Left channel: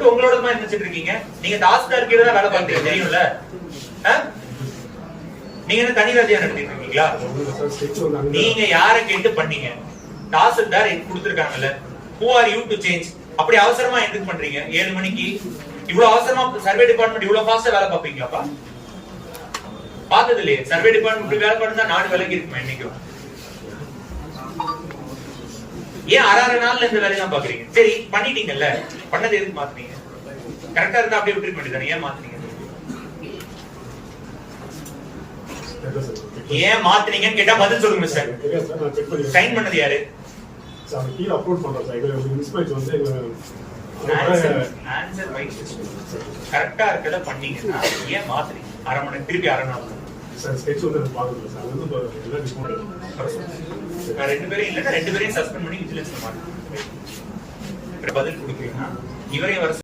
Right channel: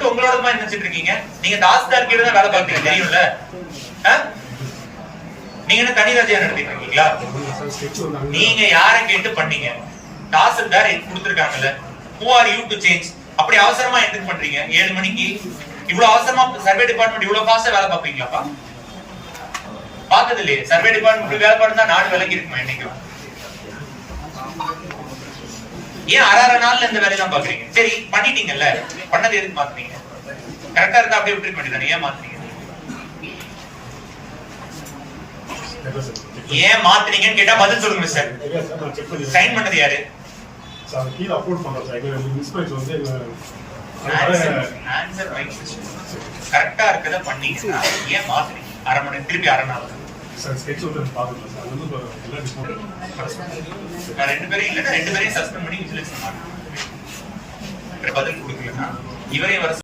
உங்களோட மாதிரி நினைச்சிட்டு இருக்கீங்க. நீங்க தாசில்தார் கீழ தான் வேலை பார்க்கறீங்க தெரியும்ல. நீங்க என்ன தனி ராஜ்யா நடத்திட்டு இருக்கீங்களா? நீங்க யாரை கேட்டு பண்ணீங்க? Tahsildar கொடுத்திருக்காங்கல்ல. Who are you to change? அப்படி அவசரமா எதுக்கு பண்றீங்க? 7 மணிக்கு இவ்வளவு அவசரமா சர்வே டிபார்ட்மெண்ட் இவ்வளவு ஃபாஸ்டா வேலை பார்ப்பீங்களாப்பா? பார்த்தது இல்லையே. சர்வே டிபார்ட்மெண்ட் வேலை பண்ணா நாடு விலகி இருக்குமா இன்னைக்கும்? ஏன் அரை நாள்ல இந்த வேலையை தான் பாக்குறீங்க? சரி பண்ணிட்டீங்கல்ல, பண்ணது எதுக்கு மாத்துனீங்க? கரெக்டா இருந்தா அப்படியே விட்டு பண்ணிட்டானே, ஏன் மாத்துனீங்க? ஏன் மாத்துனீங்கன்னு கேட்டா பதில் சொல்லுங்க சார். சைன் பண்ணது யாரு? கரெக்டா இருக்கத பண்ணீங்கன்னா ஏன் மாத்துனீங்க? அரை மணி திருப்பி அரை நாள் ரெண்டு பேரும் இல்லன்னா 2 பேரையும் சஸ்பெண்ட் பண்ணி விஜிலன்ஸ் மாட்டோம். பதில் கொடுக்கலன்னா இவரையும் வர